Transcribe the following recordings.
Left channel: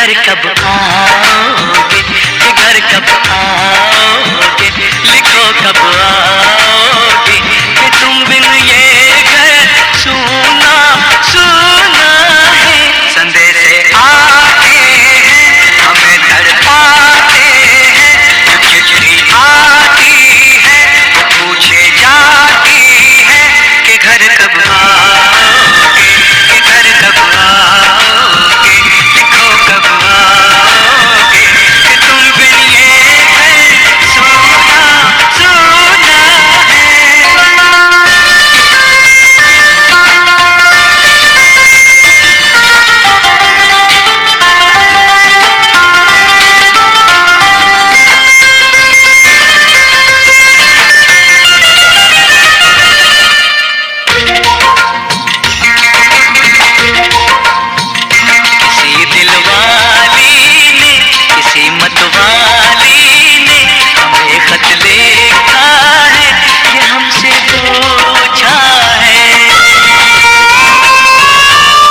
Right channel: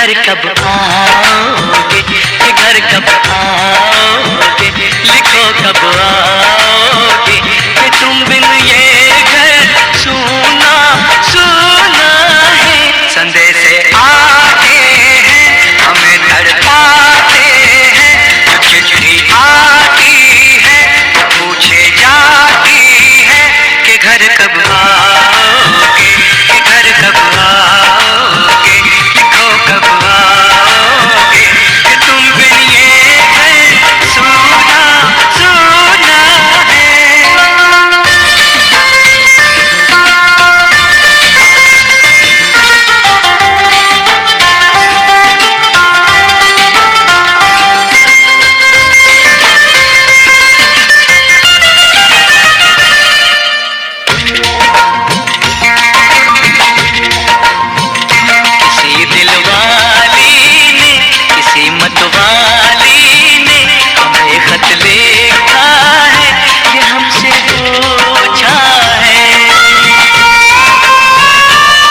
घर कब आओगे, कि घर कब आओगे, लिखो कब आओगे, कि तुम बिन ये घर सूना सूना है। संदेश आते हैं हमें तड़पाते हैं, चिट्ठी आती है तो पूछे जाती है कि घर कब आओगे, कि घर कब आओगे, लिखो कब आओगे, कि तुम बिन ये घर सूना सूना है। मतवाली ने हमें खत लिखा है, ये हमसे पूछा है।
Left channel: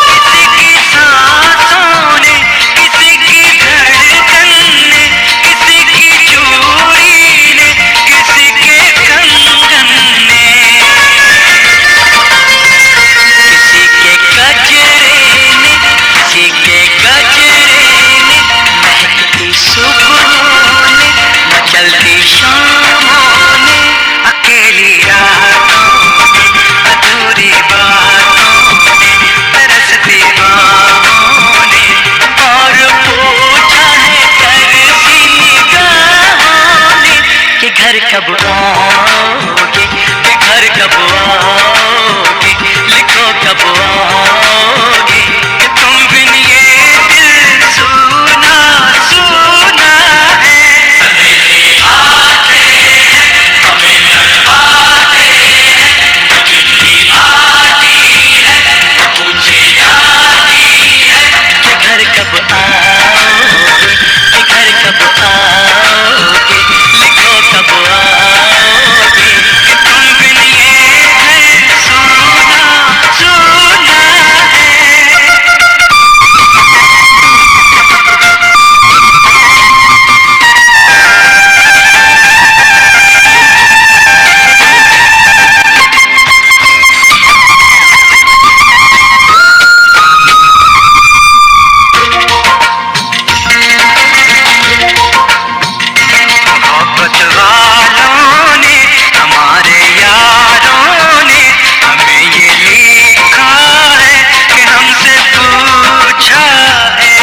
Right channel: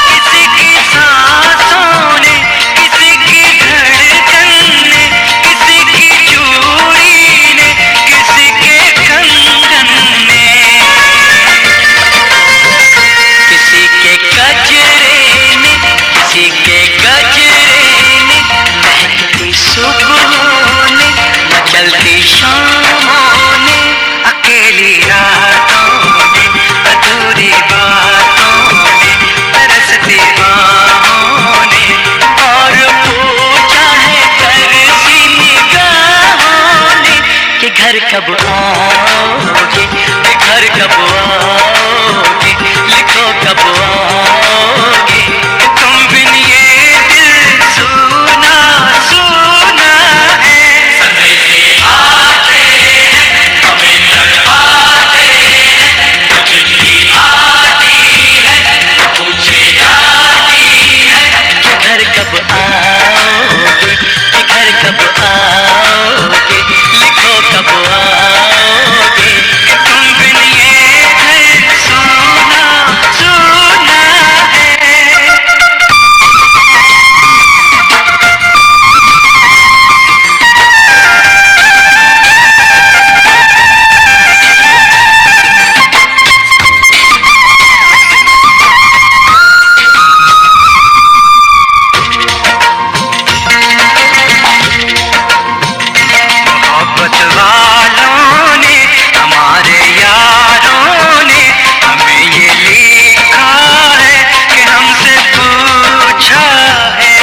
किसी की सांसों ने, किसी की धड़कन ने, किसी की चूड़ी ने, किसी के कंगन ने, किसी के गजरे ने, किसी के गजरे ने, महकती सुबहों ने, मचलती शामों ने, अकेली रातों ने, अधूरी बातों ने, तरसती बाहों ने, और पूछा है तरसी निगाहों ने कि घर कब आओगे, कि घर कब आओगे, लिखो कब आओगे, कि तुम बिन ये दिल सूना सूना है। संदेश आते हैं हमें तड़पाते हैं, चिट्ठी आती है पूछे जाती है कि घर कब आओगे, कि घर कब आओगे, लिखो कब आओगे, कि तुम बिन ये घर सूना सूना है। मोहब्बत वालों ने, हमारे यारों ने हमें ये लिखा है कि हमसे पूछा है।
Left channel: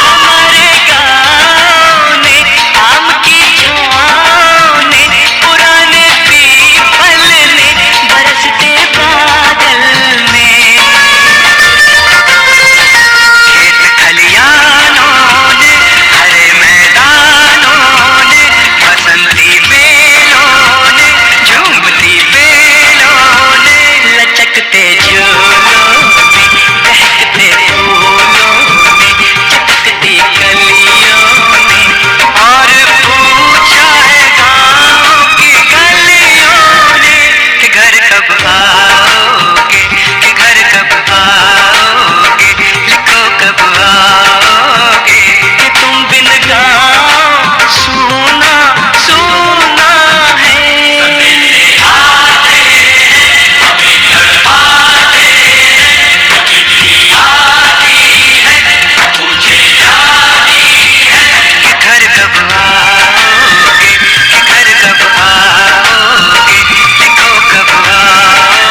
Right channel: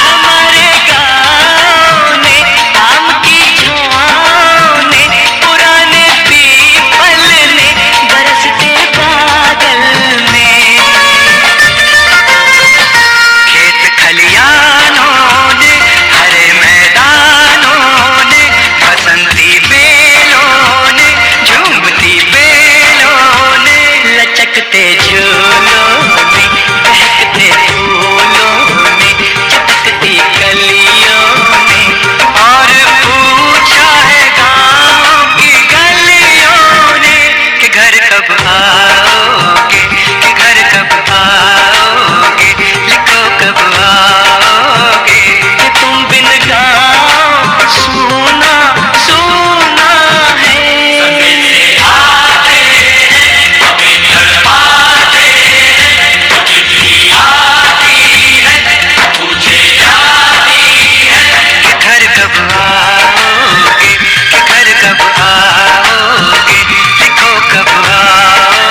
हमारे गाँव ने, आम की छाँव ने, पुराने पीपल ने, बरसते बादल ने, खेत खलियानों ने, हरे मैदानों ने, बसंती बेलों ने, झूमती बेलों ने, लचकते झूलों ने, बहकते फूलों ने, चटकती कलियों ने, और पूछा है गाँव की गलियों ने कि घर कब आओगे, कि घर कब आओगे, लिखो कब आओगे, कि तुम बिन गाँव सूना सूना है। संदेश आते हैं हमें तड़पाते हैं, चिट्ठी आती है पूछे जाती है कि घर कब आओगे, कि घर कब आओगे, लिखो कब आओगे।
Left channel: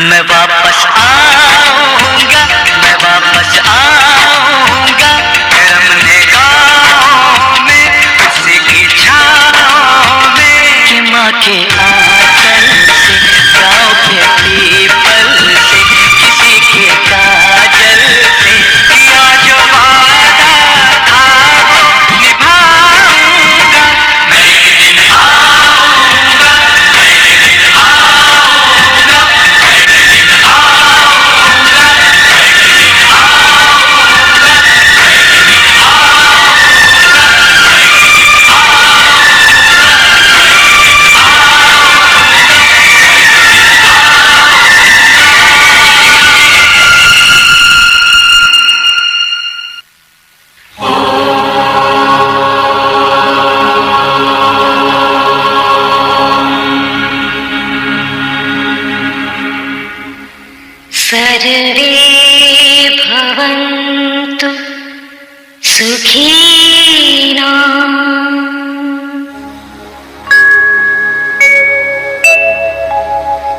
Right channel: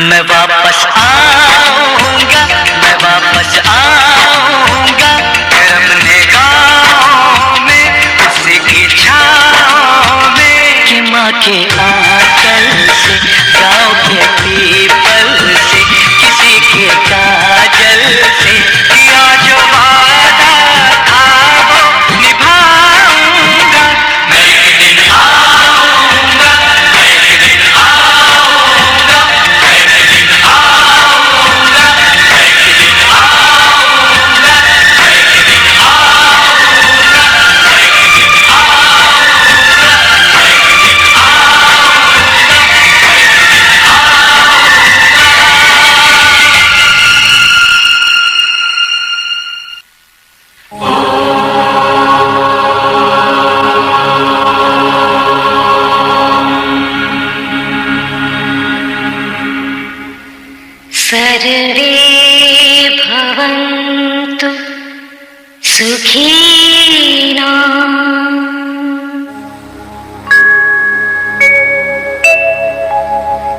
मैं वापस आऊंगा, मैं वापस आऊंगा फिर अपने गाँव में, उसी की छाँव में कि माँ के आंचल से, गाँव के पीपल से, किसी के काजल से किया जो वादा था वो निभाऊंगा। मैं एक दिन आऊंगा, मैं एक दिन आऊंगा, मैं एक दिन आऊंगा, मैं एक दिन आऊंगा, मैं एक दिन आऊंगा, मैं एक दिन आऊंगा, मैं एक दिन आऊंगा, मैं एक दिन सर्वे भवन्तु सुखिनः।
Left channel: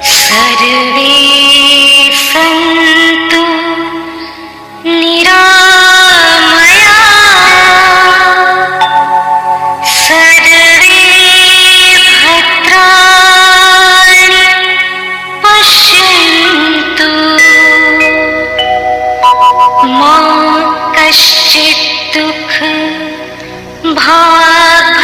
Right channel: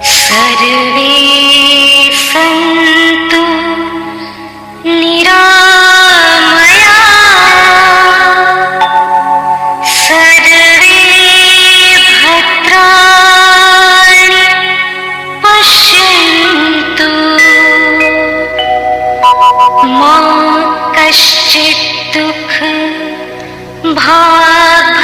सर्वे सन्तु निरामयाः। सर्वे भद्राणि पश्यन्तु मा कश्चित् दुःख भाग्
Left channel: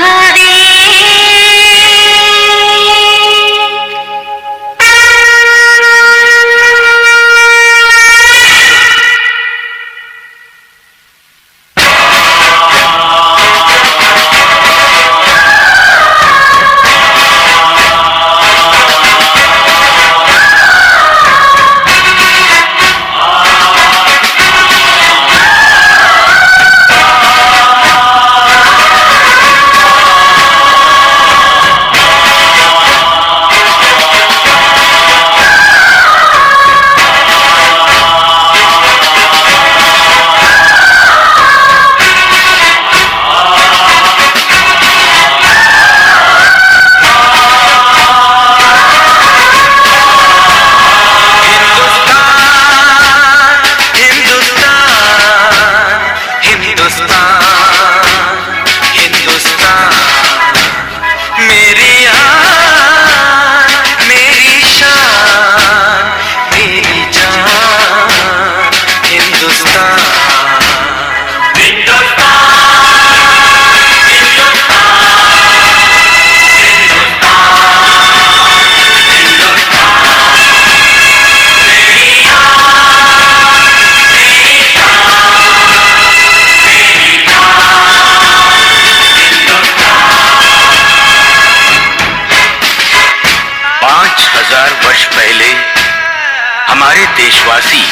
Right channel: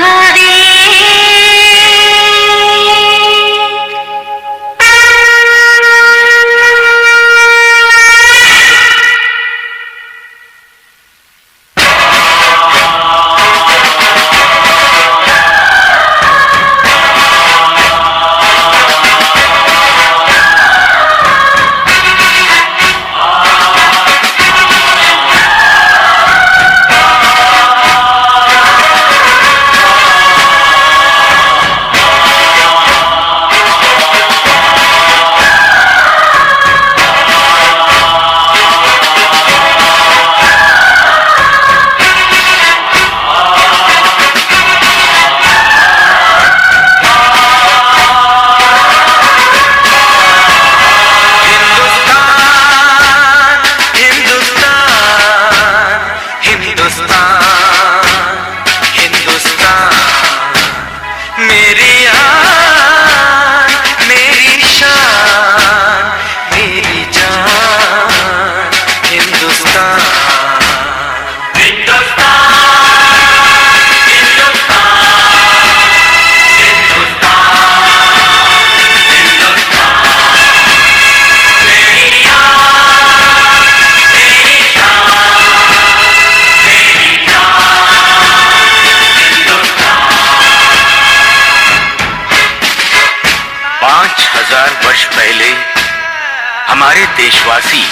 हमारे देशवासी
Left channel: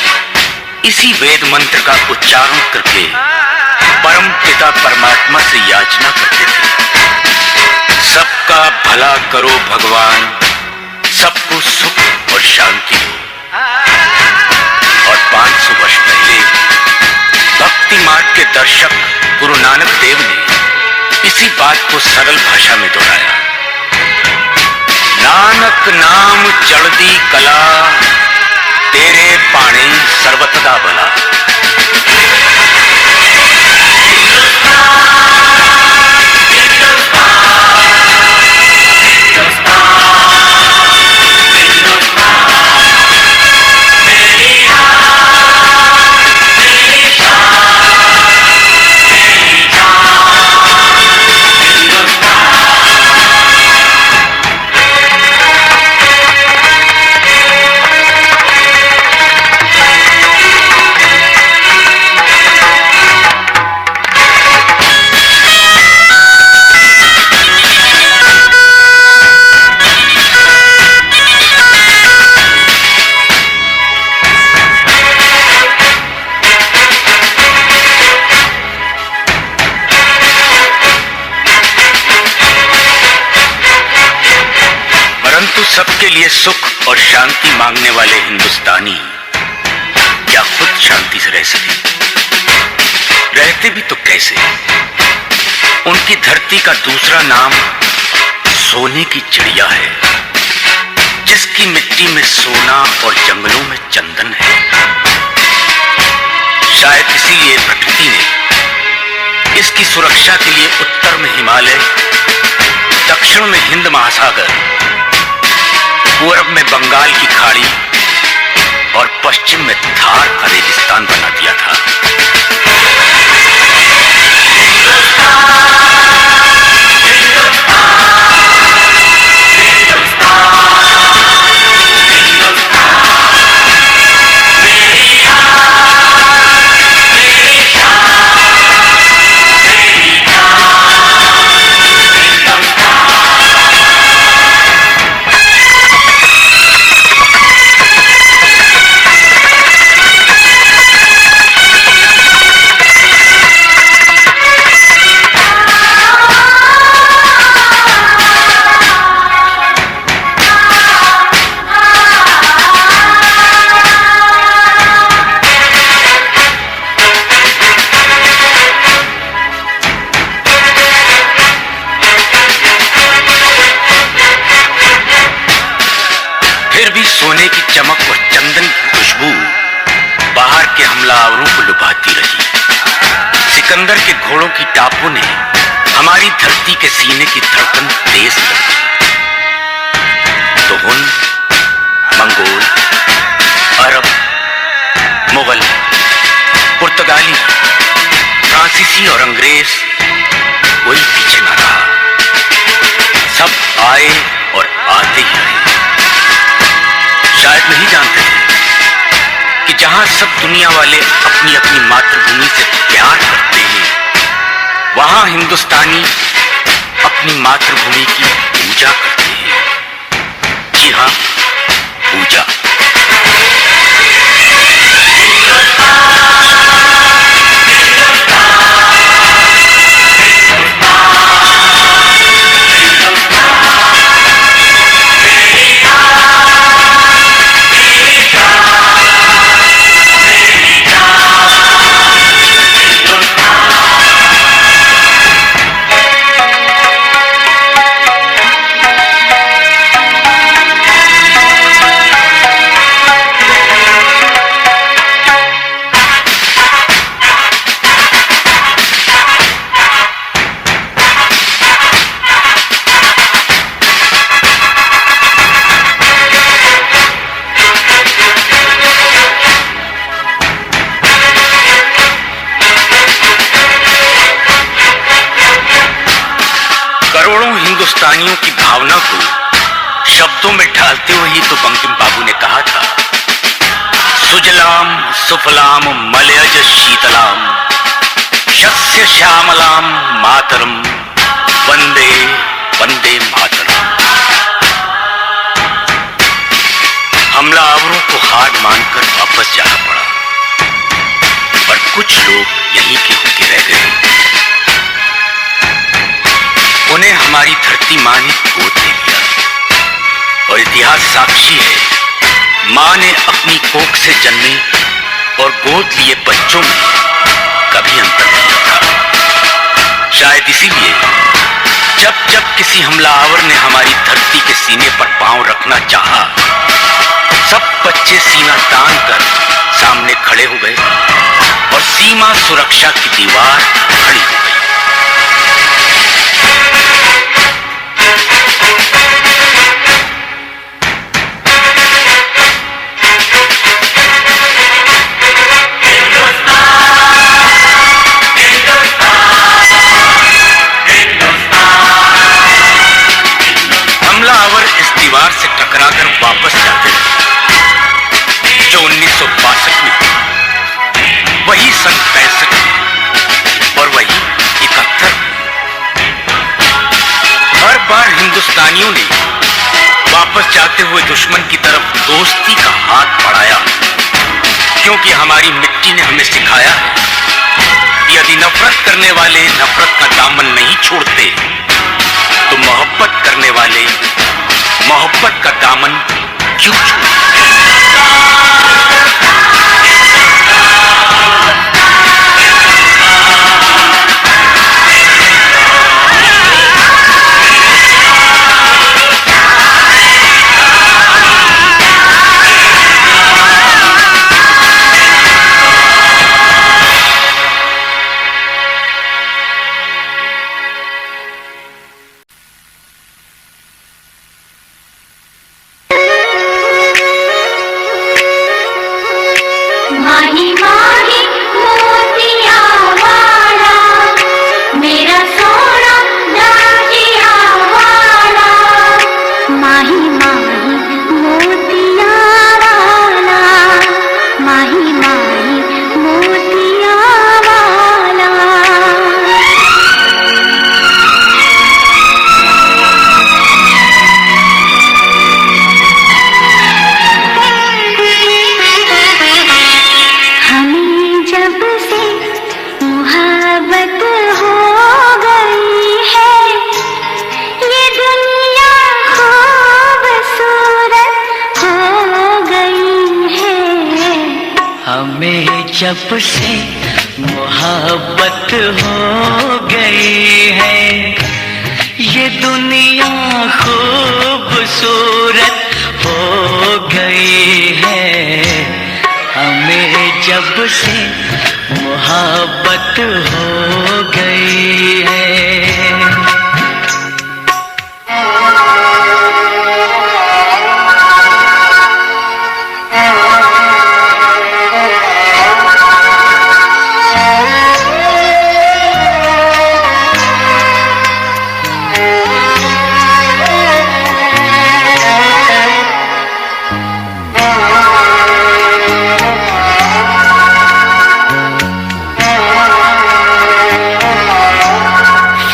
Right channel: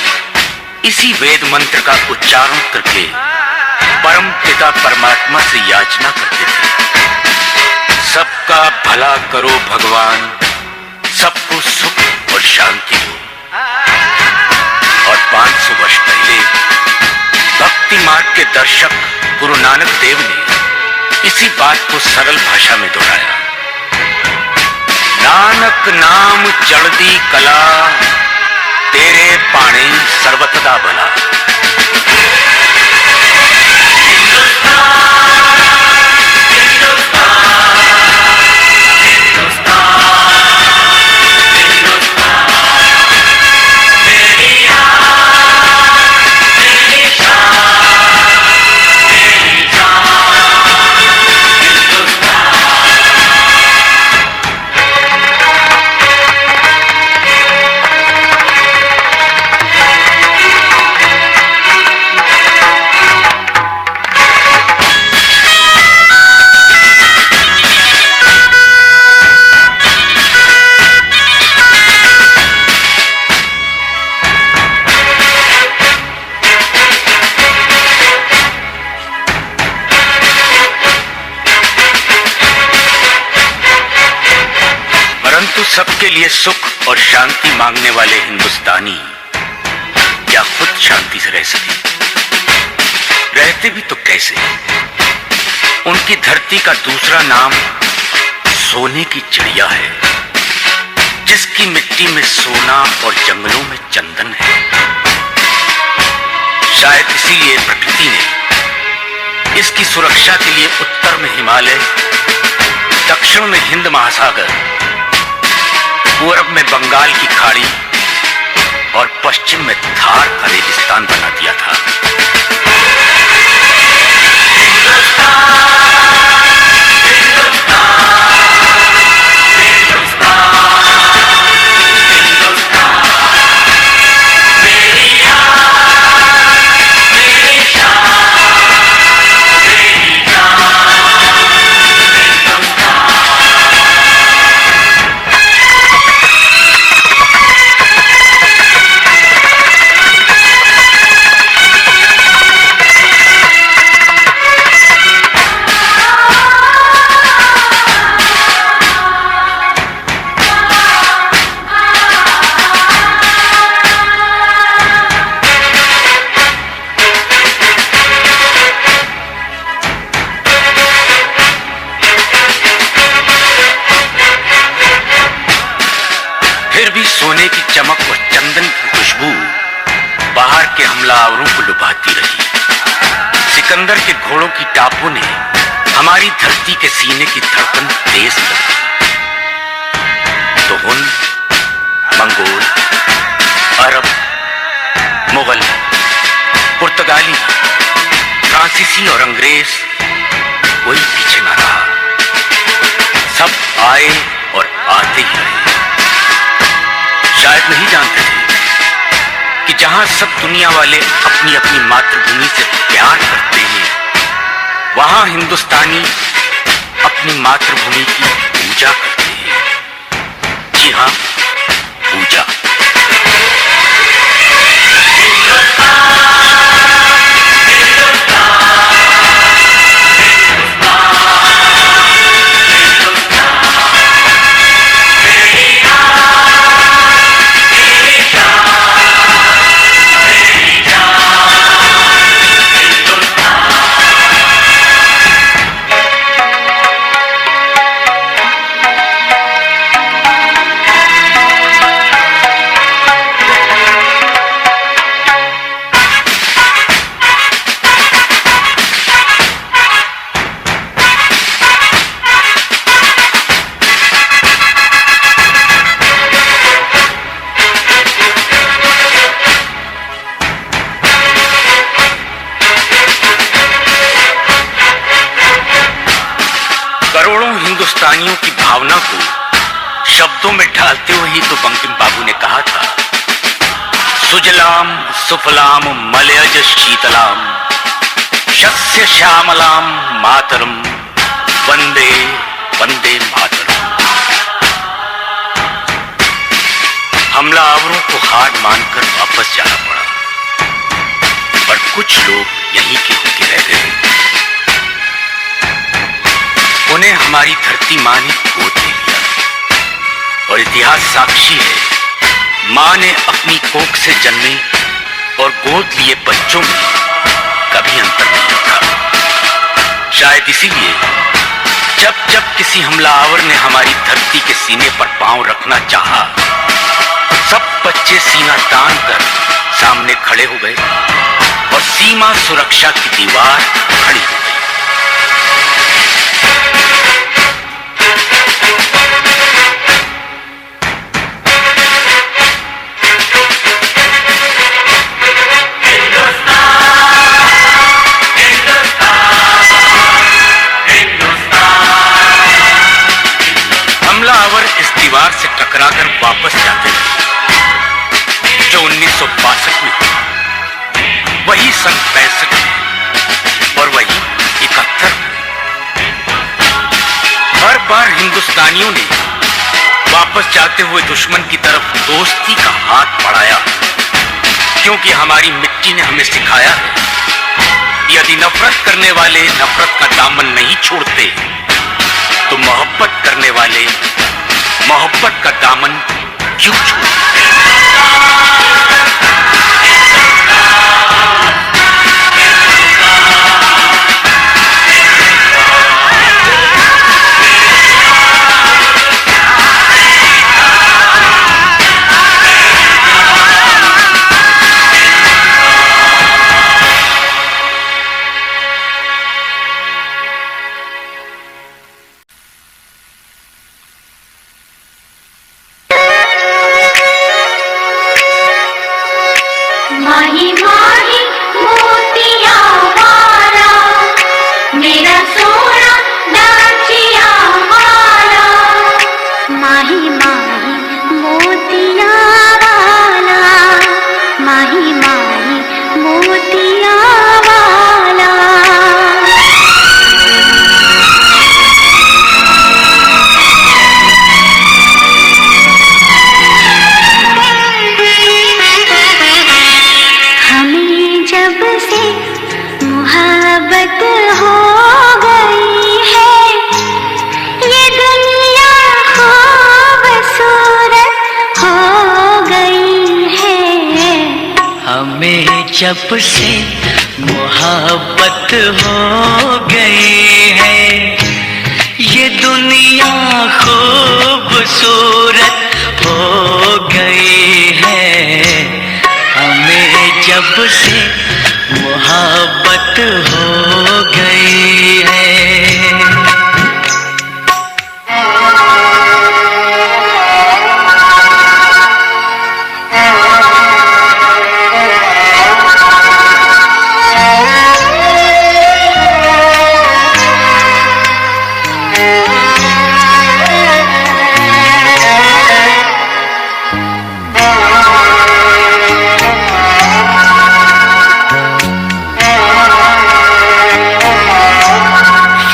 इसी वेद मंत्र का उच्चारण करके परम पिता परमात्मा से याचना करते थे, सबका भला करो भगवान, सबको सुख और शांति हो। और 500 वर्ष पहले भक्ति मार्ग के दर्शक गुरु नानक देव ने इसी बात को सरल भाषा में दोहराया। नानक नाम चढ़दी कला, तेरे पाणे सर्वतदा भला। सबके लिए सुख और शांति मांगने वाले हिंदुस्तानी क्या खुद शांति से रह सके? रहते भी तो कैसे? उनकी धरती का दूसरा नाम सोने की चिड़िया है, जिसकी मिट्टी में सोना और जंगलों में चंदन है। शायद इसीलिए प्रकृति ने इसकी सुरक्षा के लिए उत्तर में हिमालय, दक्षिण में हिंद महासागर, पूर्व में बंगाल की खाड़ी और पश्चिम में थार का रेगिस्तान बना दिया था। सोने की चमक और चंदन की खुशबू बाहर के हमलावरों को लुभाती रही। सिकंदर के घोड़ों की टापों ने हमारी धरती के सीने की धड़कन तेज कर दी। तो हुन, मंगोल, अरब, मुगल, पुर्तगाली, फ्रांसीसी और अंग्रेज कोई पीछे न रहा। सब आए और आते ही रहे। शायद नहीं जानते थे कि जहां सब दुनिया वाले अपनी अपनी मातृभूमि से प्यार करते हैं, वहां हिंदुस्तानी अपनी मातृभूमि की पूजा करते हैं। जी हां, पूजा। हिंदुस्तानियों की भावना को शब्दों में ढालते हुए ही तो बंकिम बाबू ने कहा था, सुजलाम सुफलाम मलयज शीतलाम शस्य श्यामलाम मातरम वंदे वंदे मातरम। हमलावरों को हार मानकर वापस जाना पड़ा, पर कुछ लोग यहीं के होके रह गए। उन्हें हमारी धरती मां ने गोद ले लिया और इतिहास साक्षी है, मां ने अपनी कोख से जन्मे और गोद लिए बच्चों में कभी अंतर नहीं रखा। शायद इसीलिए जब जब किसी हमलावर ने हमारी धरती के सीने पर पांव रखना चाहा, सब बच्चे सीना तान कर सामने खड़े हो गए और सीमा सुरक्षा की दीवार खड़ी हो गई। हमलावर इस दीवार से टकराकर वापस जाते रहे जो 1962 में हुई, वही सन 65 में और वही 71 में। हर बार हिंदुस्तानियों ने वापस जाते हुए दुश्मन की तरफ दोस्ती का हाथ बढ़ाया, क्योंकि हमारी मिट्टी ने हमें सिखाया है, यदि नफरत करने वाले नफरत का दामन नहीं छोड़ते तो मोहब्बत करने वाले मोहब्बत का दामन क्यों छोड़ते। माही माही मोतिया वाला, मेरा सोना डाकिया वाला। माही माही मोतिया वाला, माही माही मोतिया वाला। हमें जब से मोहब्बत हो गई है, ये दुनिया खूबसूरत हो गई है। हमें जब से मोहब्बत हो गई है, ये दुनिया खूबसूरत हो गई है। हमें जब से मोहब्बत हो गई है।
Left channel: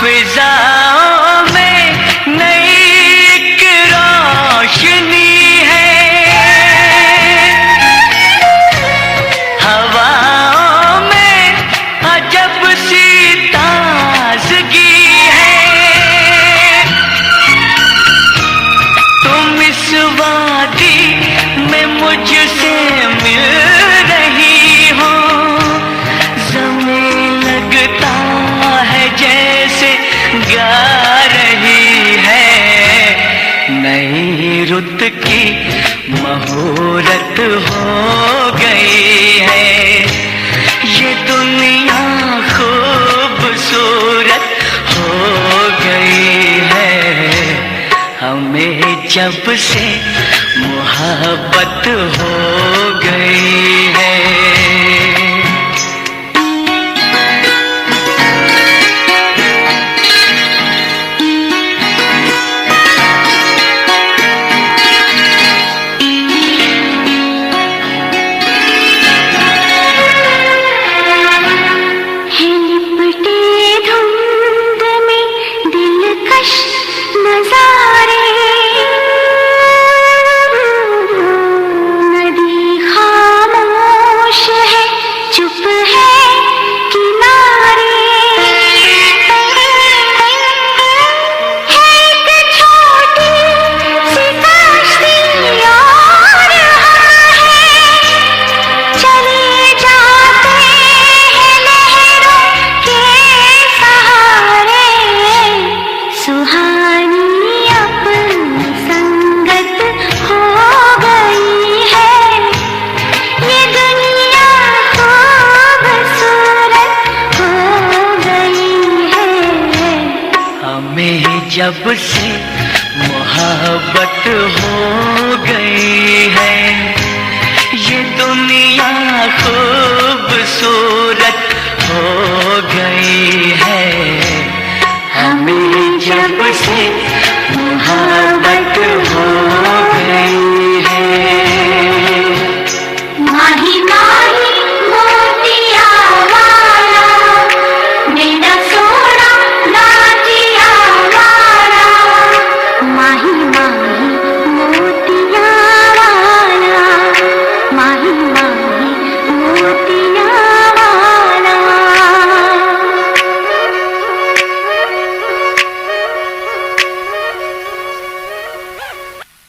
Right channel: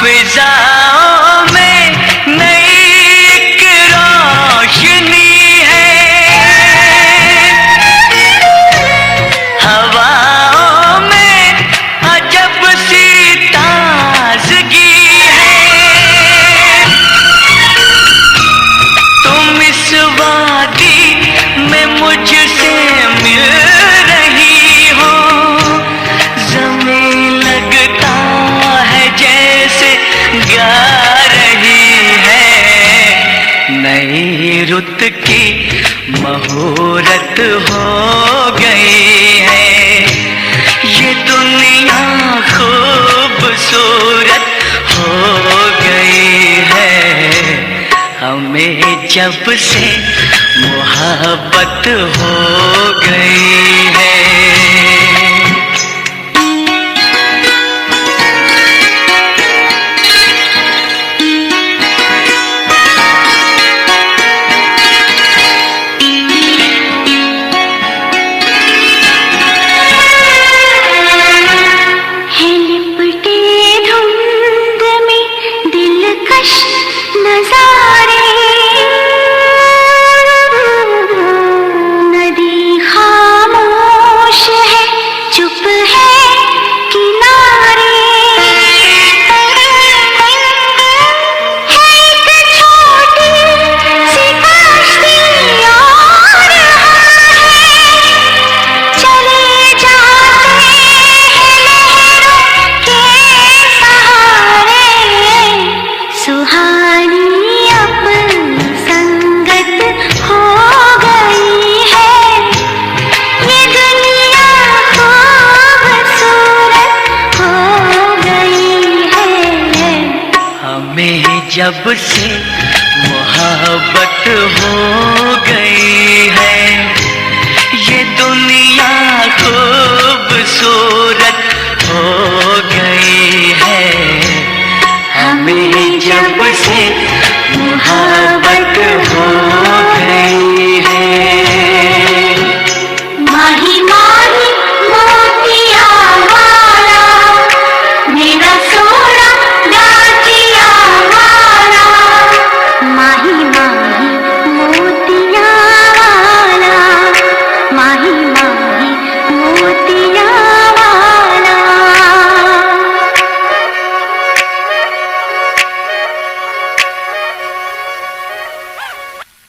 फिजाओं में नई एक रोशनी है, हवाओं में अजब सी ताजगी है। तुम इस वादी में मुझसे मिल रही हो, ज़मीन लगता है जैसे गा रही है। नई रुत की मुहूर्त हो गई है, ये दुनिया खूबसूरत हो गई है। हमें जब से मोहब्बत हो गई है। नजारे नदी खामोश है, चुप है किनारे। है एक छोटी सी कश्ती और हम हैं, चले जाते हैं लहरों के सहारे। सुहानी अपनी संगत हो गई है, ये दुनिया खूबसूरत हो गई है। हमें जब से मोहब्बत हो गई है, ये दुनिया खूबसूरत हो गई है। हमें जब से मोहब्बत हो गई है। माही माही मोतिया वाला, मेरा सोना डाकिया वाला। माही माही मोतिया वाला, माही माही मोतिया